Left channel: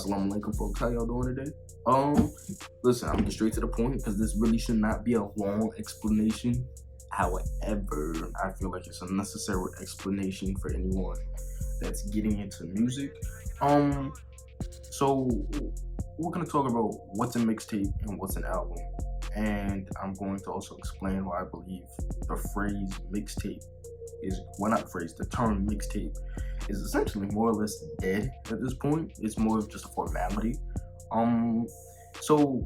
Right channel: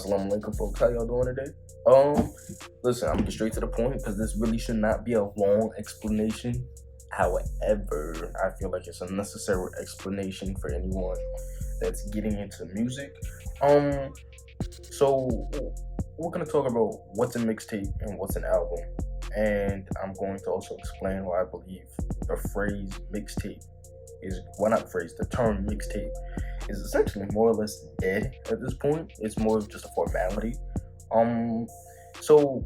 Assalamu alaikum, folks. How y'all doing today? Listen, I'm gonna get straight to the point because this really should not be a long explanation. However, I feel like it's a necessary explanation for anyone that's getting into music. So we're gonna talk about what's a mixtape and what's an album, and I'm going to also explain why I believe the phrase mixtape is not phrase, the term mixtape is essentially more or less dead at this point. It's more of just a formality. So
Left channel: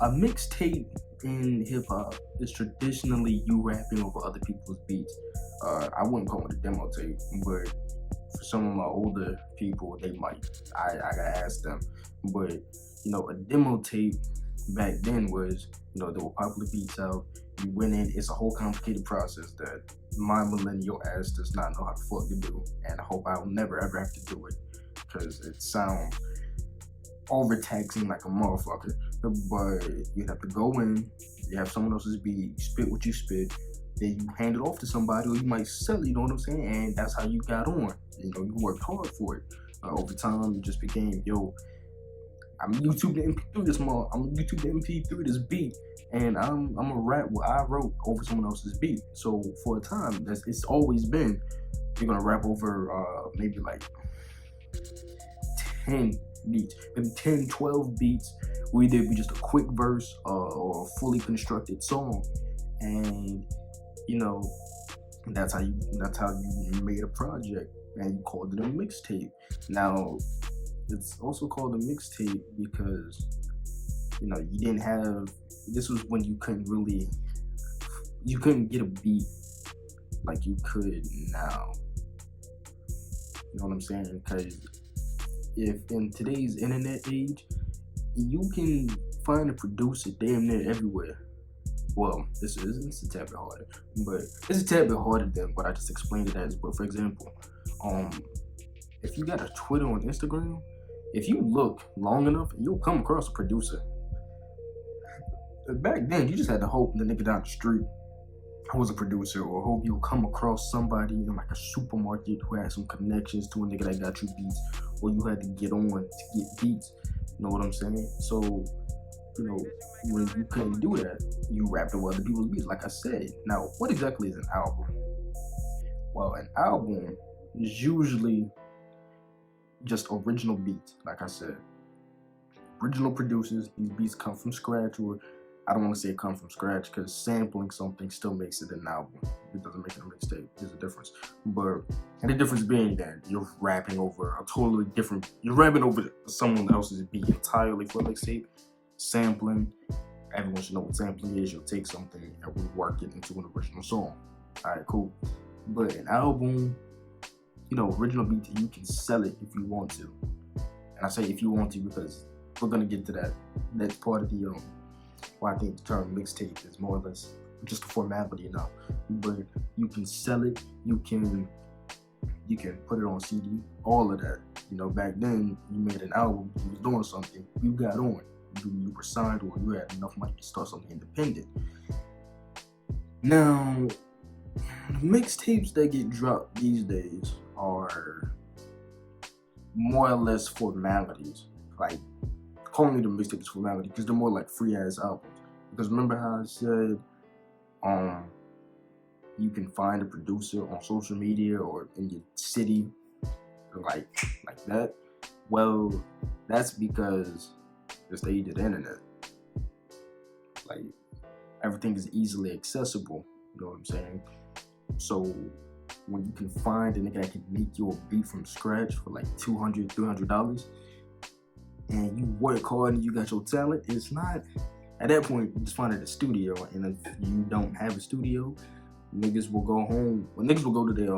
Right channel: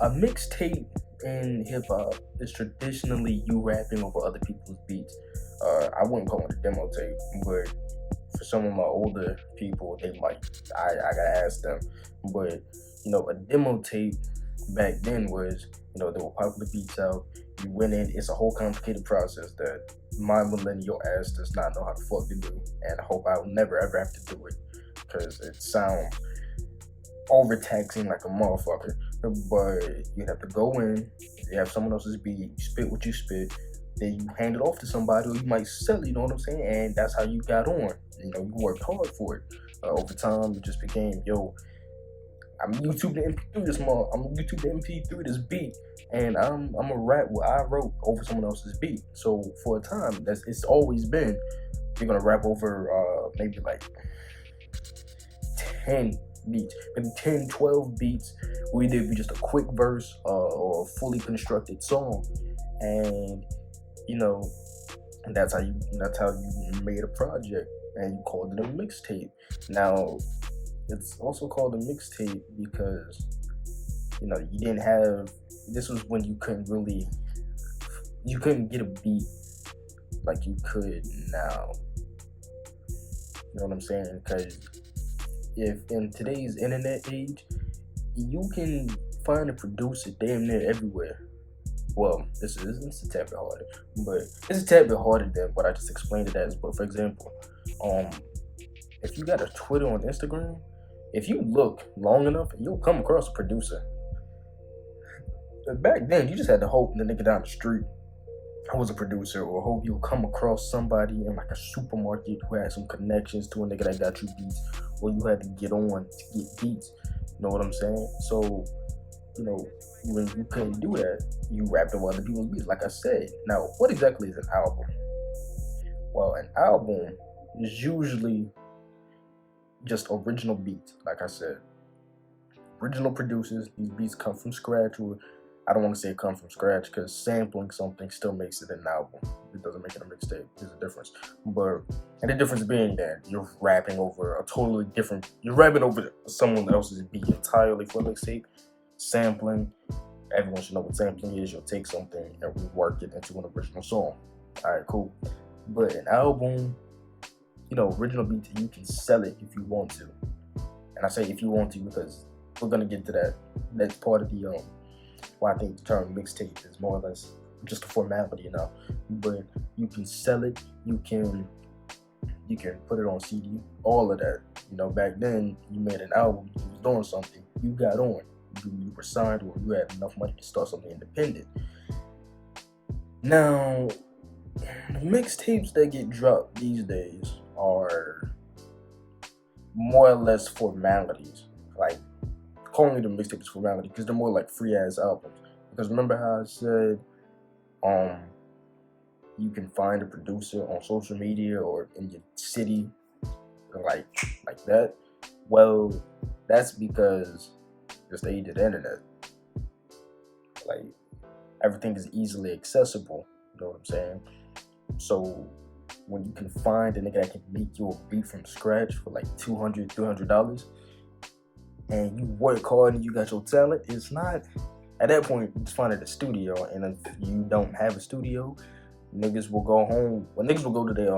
a mixtape in hip hop is traditionally you rapping over other people's beats. I wouldn't call it a demo tape, but for some of my older people, they might. I gotta ask them. But a demo tape back then was, there were popular beats out. You went in. It's a whole complicated process that my millennial ass does not know how the fuck to do, and I hope I'll never ever have to do it because it sounds overtaxing like a motherfucker. But you have to go in. You have someone else's beat. You spit what you spit. Then you hand it off to somebody, or you might sell it. You know what I'm saying? And that's how you got on. You worked hard for it. Over time, it just became, I'm YouTube the MP3 this month. I'm YouTube the MP3 this beat, and I'm a rap what I wrote over someone else's beat. So for a time, it's always been you're gonna rap over maybe like 10 beats, maybe 10, 12 beats. Where either be just a quick verse or a fully constructed song, and that's how you made a project, and you called it a mixtape. Now, it's also called a mixtape because you didn't have. This was when you couldn't get a beat like you could now. You know what I'm saying? Because if in today's internet age, you can find a producer damn near everywhere. Well, it's a tad bit harder, but it's a tad bit harder than what I just explained it as. But for example, if you got a Twitter on Instagram, if you look long enough, you'll come across a producer. Back then, you just had to hope the nigga down the street who was a producer, or hope you'll come across somebody in like a supermarket who had some connections to a nigga that got you beats, or you had to get on to get beats. You know what I'm saying? So, when you couldn't do that, you rapped over other people's beats, like I said. Now, what exactly is an album? Well, an album is usually just original beats, like I said. Original producers, these beats come from scratch, or I don't want to say come from scratch because sampling something still makes it an album. It doesn't make it a mixtape. There's a difference. And the difference being that you're rapping over you're rapping over someone else's beat entirely for a mixtape. Sampling, everyone should know what sampling is. You'll take something and rework it into an original song. Alright, cool. But an album, original beats, you can sell it if you want to. And I say if you want to because we're gonna get to that. That's part of the why I think the term mixtape is more or less just a formality now. But you can sell it, you can put it on CD, all of that. Back then you made an album, you was doing something, you got on. You were signed, or you had enough money to start something independent. Now, the mixtapes that get dropped these days are more or less formalities. Like, calling them mixtapes is formality because they're more like free ass albums. Because remember how I said, you can find a producer on social media or in your city, like that. Well, that's because this age of the internet, like everything is easily accessible. You know what I'm saying? So when you can find a nigga that can make you a beat from scratch for like $200, $300, and you work hard and you got your talent, it's not at that point you just find it at a studio. And if you don't have a studio, niggas will go home. Well, niggas will go to their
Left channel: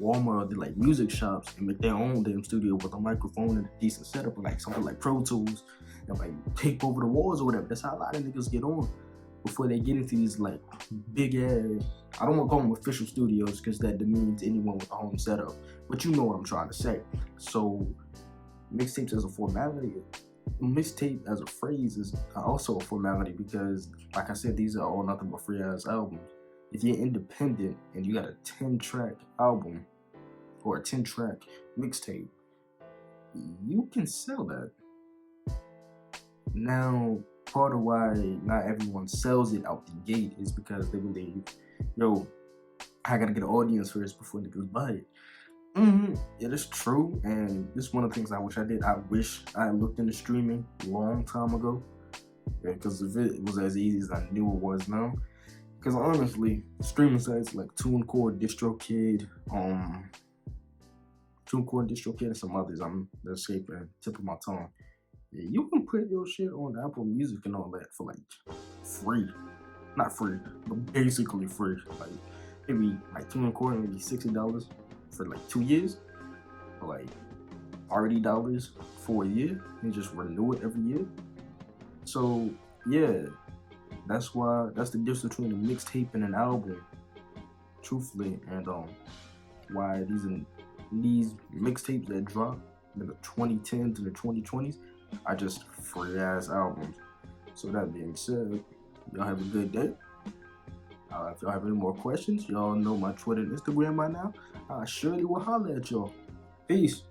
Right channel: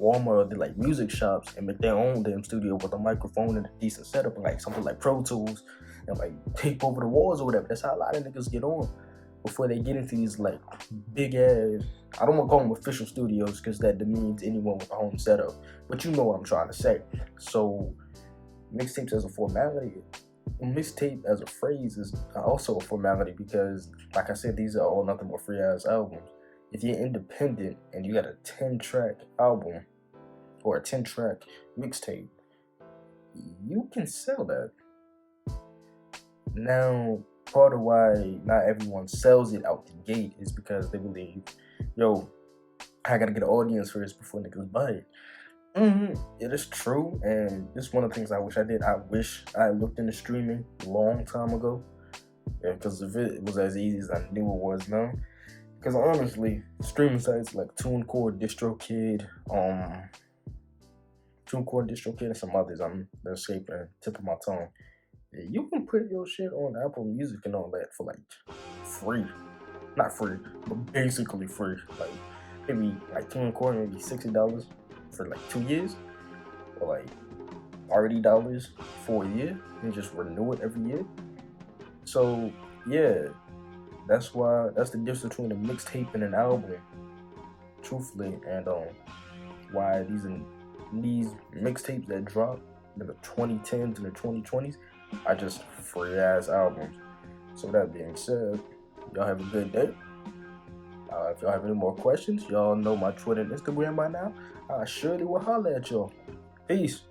Walmart or their music shops and make their own damn studio with a microphone and a decent setup, and something like Pro Tools, and tape over the walls or whatever. That's how a lot of niggas get on before they get into these big ass, I don't want to call them official studios because that demeans anyone with a home setup, but you know what I'm trying to say. So mixtapes as a formality, mixtape as a phrase is also a formality because, like I said, these are all nothing but free ass albums. If you're independent and you got a 10-track album or a 10-track mixtape, you can sell that. Now, part of why not everyone sells it out the gate is because they believe, yo, I gotta get an audience first before niggas buy it. It is true, and this is one of the things I wish I did. I wish I looked into streaming a long time ago, because if it was as easy as I knew it was now. Because honestly, streaming sites like TuneCore, DistroKid, and some others, they're escaping tip of my tongue. Yeah, you can put your shit on Apple Music and all that for like free, not free, but basically free. Like maybe like TuneCore, maybe $60 for like 2 years, or like $30 for a year, and just renew it every year. So yeah, that's the difference between a mixtape and an album, truthfully, and why these mixtapes that drop in the 2010s and the 2020s are just free ass albums. So that being said, y'all have a good day. If y'all have any more questions, y'all know my Twitter and Instagram by now. I surely will holler at y'all. Peace.